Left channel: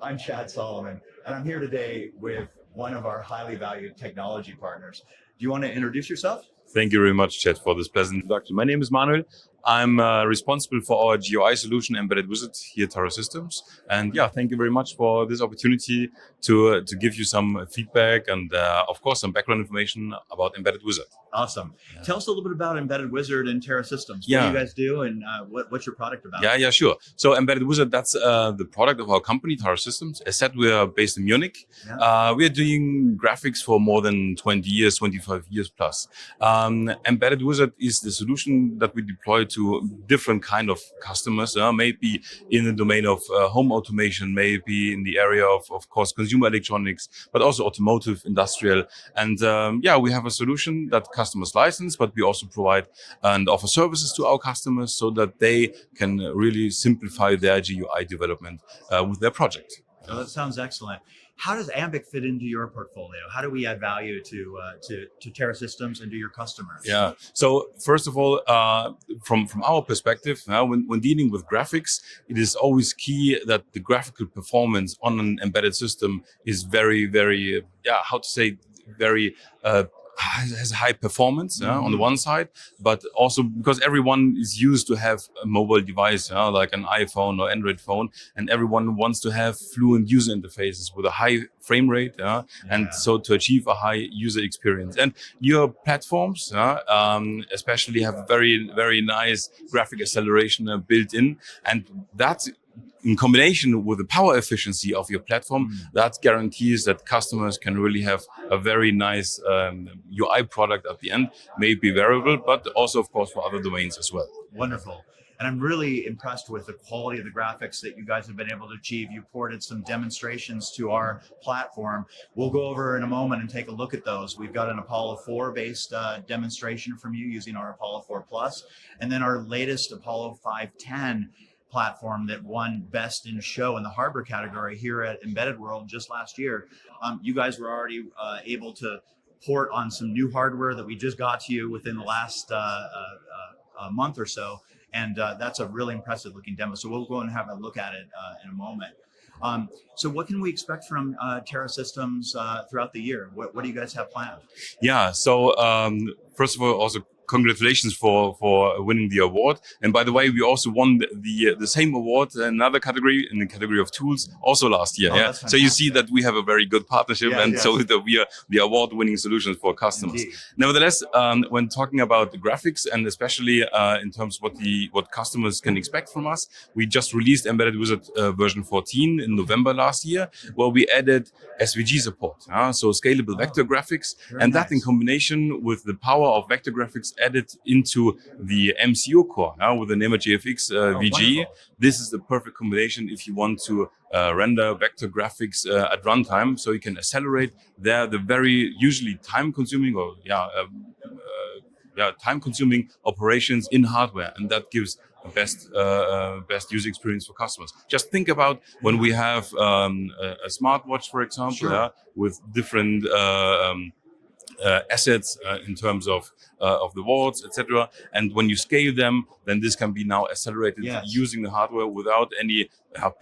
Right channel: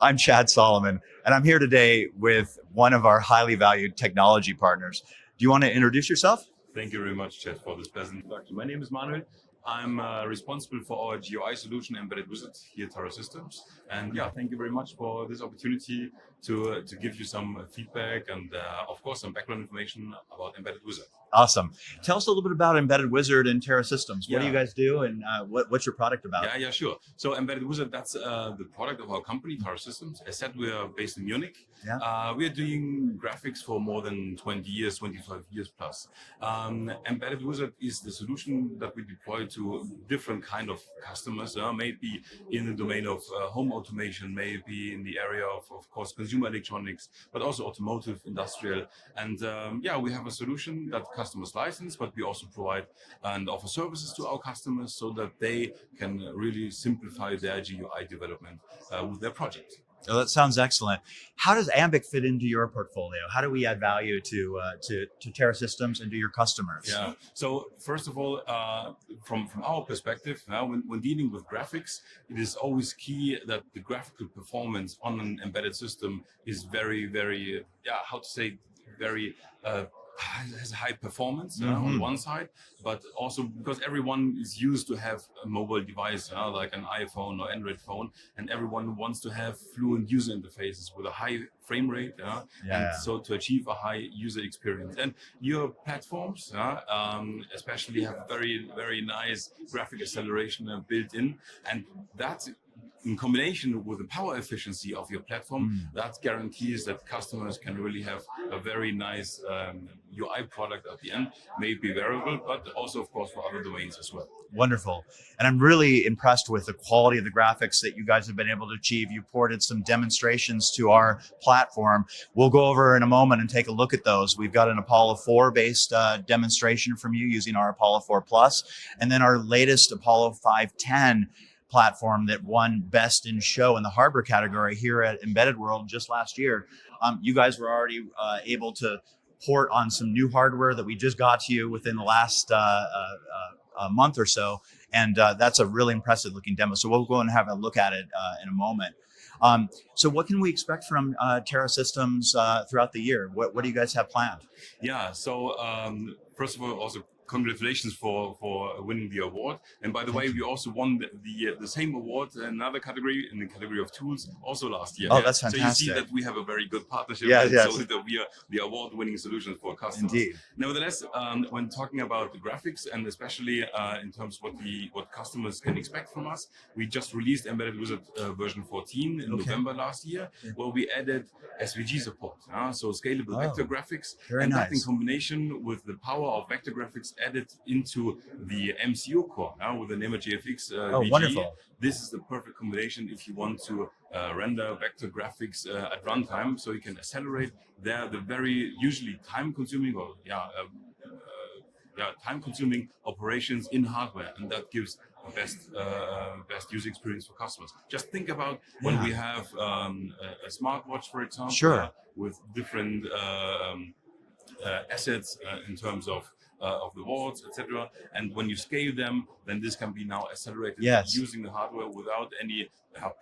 I'm Chad Solomon, and I'm here today with one of our highly valued technology partners. Do you want to introduce yourself? Thank you very much, Chad, for this pleasant introduction. My name is Manuel. I'm responsible for our GUI solution, Embedded Wizard, here at Taro Systems. And yeah, thank you very much for this opportunity to give you some feedback and, of course, some background information about Embedded Wizard. Awesome. Tell us a little bit about Embedded Wizard and Terra Systems. What do you guys do, and what's your product about? Yeah, sure. So Embedded Wizard, that's the product of our company, Taro Systems. As said, we are based in Munich. Yeah. We are doing graphics for more than 20 years, 25 years plus. Embedded Wizard is the solution that we deploy to different kind of customers, maybe in the domain of home automation, maybe in the area of course, consumer electronics, but also automotive, industrial. And we have a solution that customers license, but we also provide and offer services to our customers so that they can really simplify their GUI development with their project. Oh, that sounds excellent. How does Ambiq fit into your portfolio? How do we add value to Terra Systems and to your customers? Yeah. So first of all, from our perspective, when dealing with graphics, it is always key that the graphical performance on an embedded system is very, very, very has high performance on the one side, but also because everyone is used to have a mobile device like an iPhone or Android phone, and everyone wants to have fluent user interfaces with a high frame rate, and so to achieve a high user experience. And your platforms, especially have very, very nice graphic acceleration built in, and that in combination with the power efficiency of your platform, that guarantees that customers can really have a very nice UI product at the end, maybe wearable, but also, of course, for other domains as well. Wonderful. And I'm really impressed with the quality of the graphics that you guys have been able to achieve. You ported some demonstrations to our platform. We'll go over in a moment and take a look at those. We've got an Apollo 4 based demonstration from you using our Apollo 4 Plus, and then our latest Apollo 510 platform that won best in show in the hardware category here at Embedded World just last year. You guys were already able to port on some new hardware that we just got to you within the last month or so. And that's a really impressive looking demo. So we'll go and have a look at it in a moment. So what can we expect from Terra Systems throughout the year? What do you guys have planned? Yeah, so first of all, also congratulations for winning the award. And by the way, we also won the same award in another category, in the category of tools, also last year. Oh, that's fantastic. So you see that we have a very good partnership, so that we are the award-winning solutions for customers. Indeed. Nevertheless, when talking about the graphics and especially in terms of what customers can expect from us, we just released Embedded Wizard version 14 in November last year, where we added SVG support, so scalable vector graphics, and that in combination with the power of vector graphics added into the MCU core with an ImageGFX VG. Wonderful. This is the perfect combination if you want to render vector graphics at runtime, so you can accelerate the very usually time-consuming or time-consuming operations in hardware, and that gives the best user experience for customers. Just think about when we have a smartwatch, for example, with different assets in terms of the watts, etc. And when you scale them, then this can be now accelerated using the hardware without any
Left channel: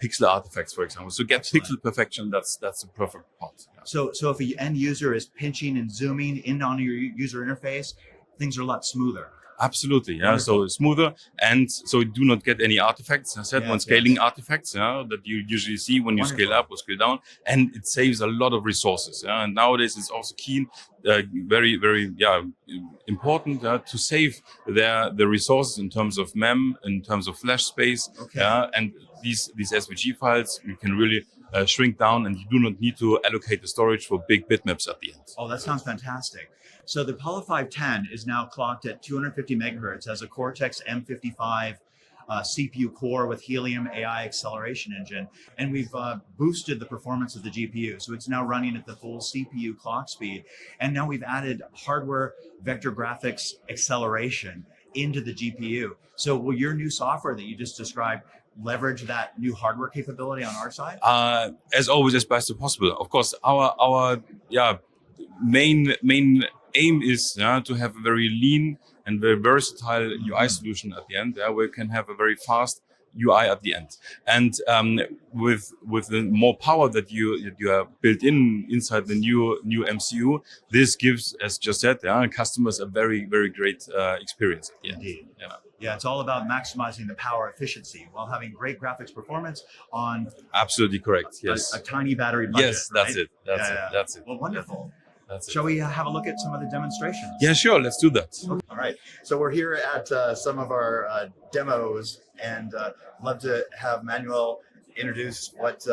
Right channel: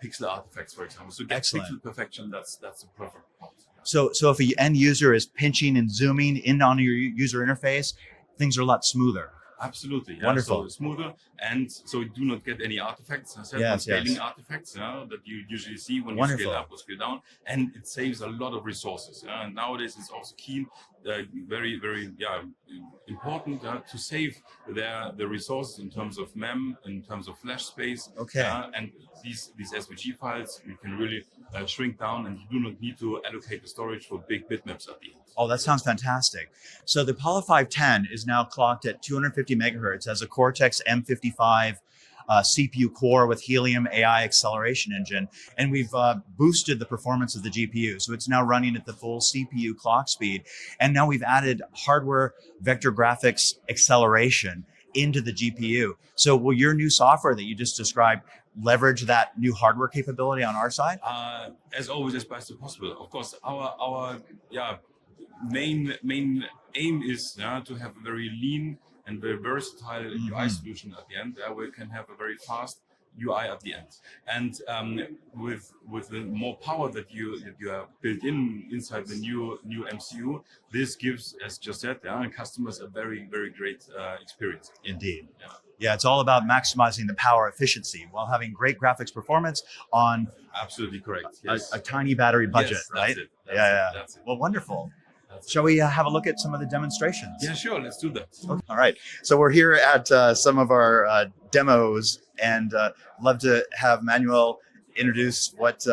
pixel artifacts, for example. So get pixel perfection. That's the perfect part. So if the end user is pinching and zooming in on your user interface, things are a lot smoother. Absolutely, so smoother, and so you do not get any artifacts, as I said, when scaling artifacts that you usually see when you scale up or scale down, and it saves a lot of resources. And nowadays it's also key, very, very important to save the resources in terms of mem, in terms of flash space, and these SVG files you can really shrink down, and you do not need to allocate the storage for big bitmaps at the end. Oh, that sounds fantastic. So the Apollo 510 is now clocked at 250 megahertz as a Cortex M55 CPU core with Helium AI acceleration engine. And we've boosted the performance of the GPU. So it's now running at the full CPU clock speed. And now we've added hardware vector graphics acceleration into the GPU. So will your new software that you just described leverage that new hardware capability on our side? As always, as best as possible. Of course, our main aim is to have a very lean and very versatile UI solution at the end, where you can have a very fast UI at the end. And with the more power that you have built inside the new MCU, this gives, as just said, customers a very, very great experience. Indeed. Yeah, it's all about maximizing the power efficiency while having great graphics performance on Absolutely correct. Yes. a tiny battery budget. Yes, right? that's it. That's it. Well, wonderful. That's it. Shall we have a look at some of the demonstrations? Yeah, sure. Let's do that. All right. So we're here at some of our demos, and love to have Manuel introduce what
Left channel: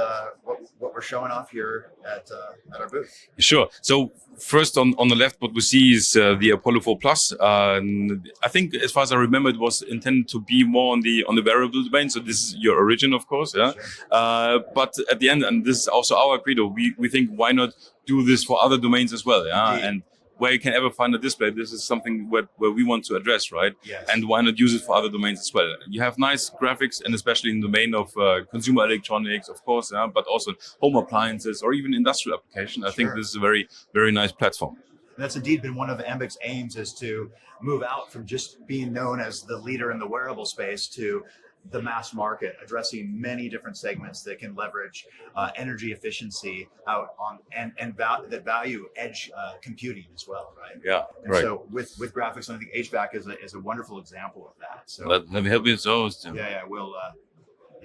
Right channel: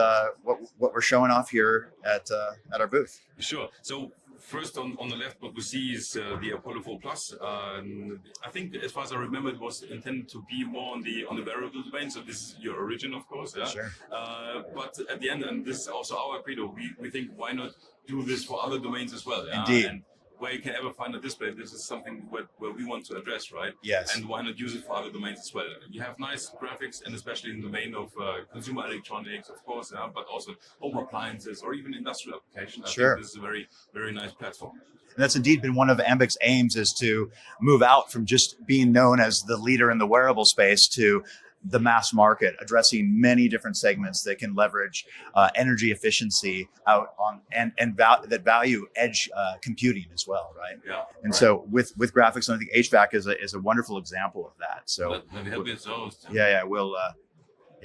we're showing off here at our booth. Sure. So first on the left, what we see is the Apollo 4 Plus. I think, as far as I remember, it was intended to be more on the wearable domain. So this is your origin, of course. Yeah. Sure. But at the end, and this is also our credo, we think, why not do this for other domains as well? Yeah. Indeed. And where you can ever find a display, this is something where we want to address, right? Yes. And why not use it for other domains as well? You have nice graphics, and especially in the domain of consumer electronics, of course, but also home appliances or even industrial application. I think this is a very, very nice platform. And that's indeed been one of Ambiq's aims, is to move out from just being known as the leader in the wearable space to the mass market, addressing many different segments that can leverage energy efficiency out on that value edge computing as well, right? Yeah. And so with graphics, I think HVAC is a wonderful example of that. So let me help you with those.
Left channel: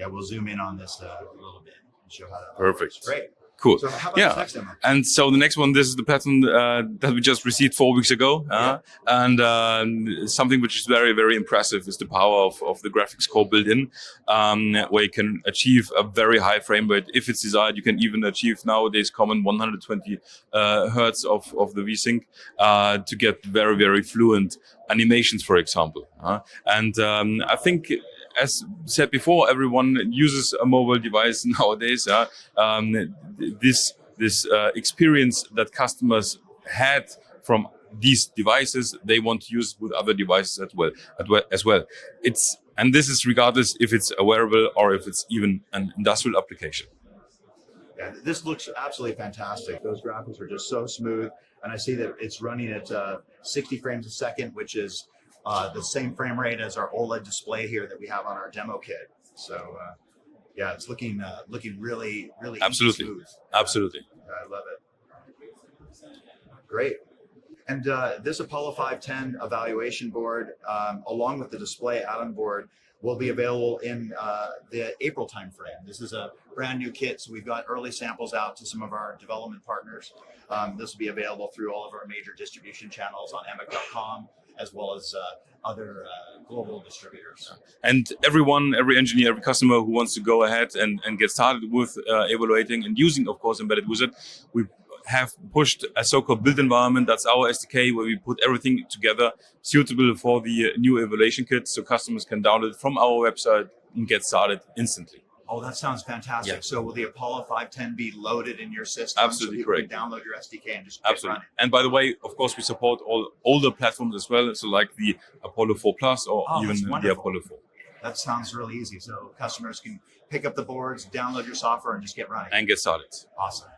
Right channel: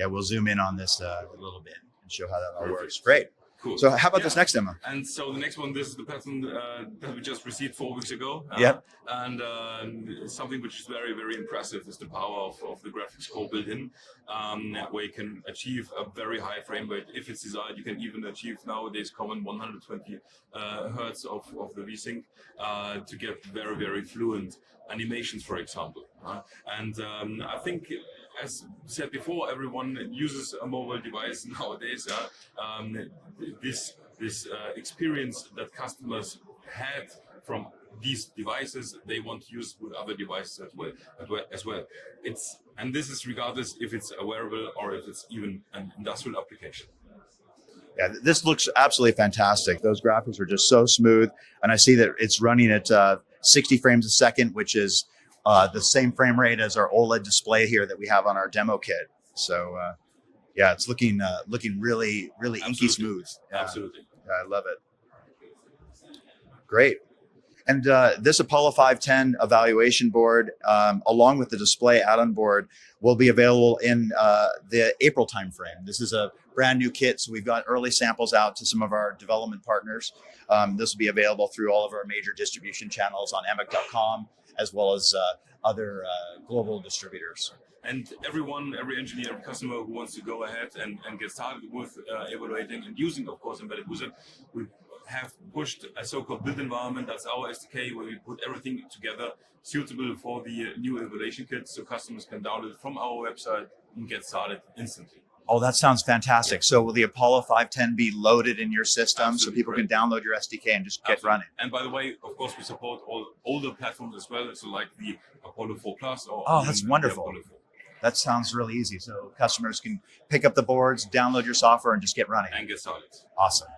we'll zoom in on this a little bit and show how that all Perfect. works. Great. Cool. So how about this next demo? And so the next one, this is the pattern that we just received 4 weeks ago. And something which is very, very impressive is the power of the graphics core built in, where you can achieve a very high frame rate. If it's desired, you can even achieve nowadays common 120 hertz of the VSync to get very, very fluent animations, for example. And I think, as said before, everyone uses a mobile device nowadays. This experience that customers had from these devices, they want to use with other devices as well. And this is regardless if it's a wearable or if it's even an industrial application. Yeah, this looks absolutely fantastic. Those graphics are just so smooth, and I see that it's running at 60 frames a second, which is the same frame rate as our OLED display here that we have on our demo kit. So it's looking really, really Absolutely. smooth. Absolutely. I love it. Great. And this Apollo 510 evaluation board, along with the display add-on board, will be available in the April timeframe. This is a brand new kit, so we've got early samples out to some of our development partners. This will be available through all of our major distribution channels on Ambiq.com, as well as other global distributors. And every engineer, every customer who wants to go ahead and get started with evaluating and using, of course, Embedded Wizard, we have pushed a so-called build environment. That's our SDK, where we put everything together suitable for the new evaluation kit, so customers can download it from our website and get started instantly. Oh, that sounds fantastic. Yeah. So will the Apollo 510 be loaded in your system Absolutely so people correct. can download your SDK and just get running? And by the way, of course, we support all older platforms as well, so like the Apollo 4 Plus or even that's the wonderful. Apollo 4. That sounds really easy. So customers can pick up the boards, download your software, and just get running. And get started. Awesome.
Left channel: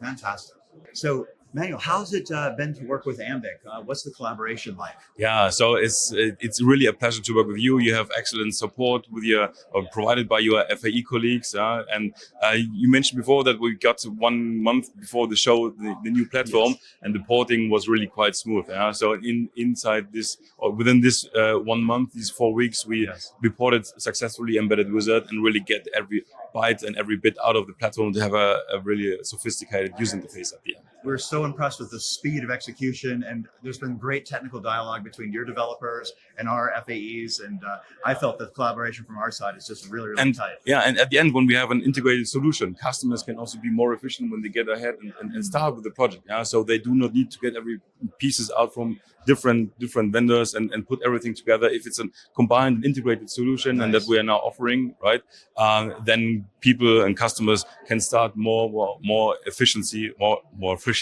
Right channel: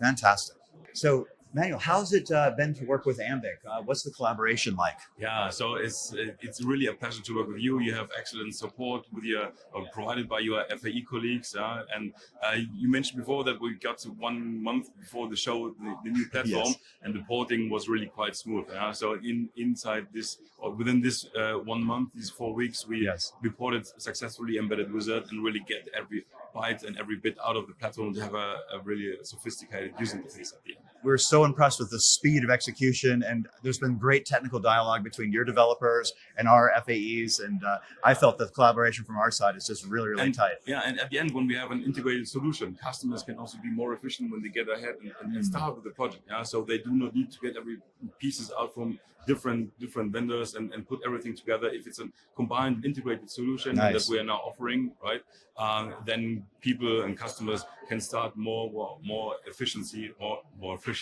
Fantastic. So, Manuel, how's it been to work with Ambiq? What's the collaboration like? Yeah, so it's really a pleasure to work with you. You have excellent support with provided by your FAE colleagues. And you mentioned before that we got 1 month before the show the new platform, Yes. and the porting was really quite smooth. So inside this, or within this 1 month, these 4 weeks, we ported successfully Embedded Wizard and really get every byte and every bit out of the platform to have a really sophisticated user interface at the end. We're so impressed with the speed of execution, and there's been great technical dialogue between your developers and our FAEs, and I felt that collaboration from our side is just really, really tight. Yeah, and at the end, when we have an integrated solution, customers can also be more efficient when they get ahead and start with the project. So they do not need to get every pieces out from different vendors and put everything together. If it's a combined integrated solution and that we are now offering, right, then people and customers can start more efficiency, more efficient,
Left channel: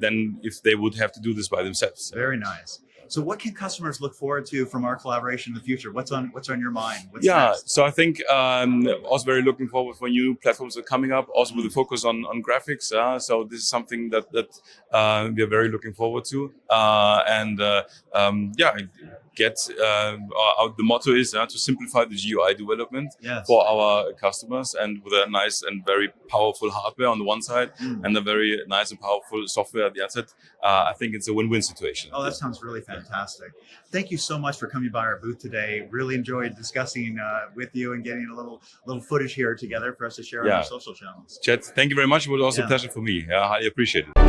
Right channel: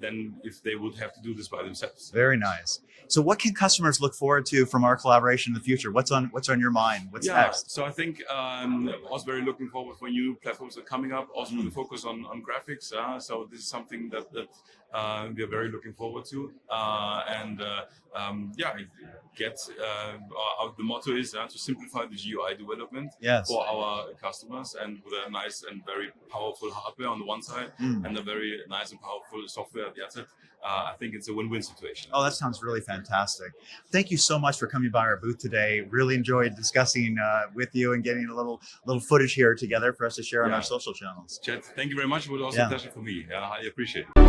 than if they would have to do this by themselves. Very nice. So what can customers look forward to from our collaboration in the future? What's on your mind? What's next? So I think also very looking forward for new platforms that are coming up, also with a focus on graphics. So this is something that we are very looking forward to. get the motto is to simplify the GUI development Yes. for our customers, and with a nice and very powerful hardware on the one side and a very nice and powerful software at the other. I think it's a win-win situation. Oh, that sounds really fantastic. Thank you so much for coming by our booth today. Really enjoyed discussing with you and getting a little footage here together for us to share on our social channels. Chet, thank you very much. It was also a pleasure for me. I highly appreciate it.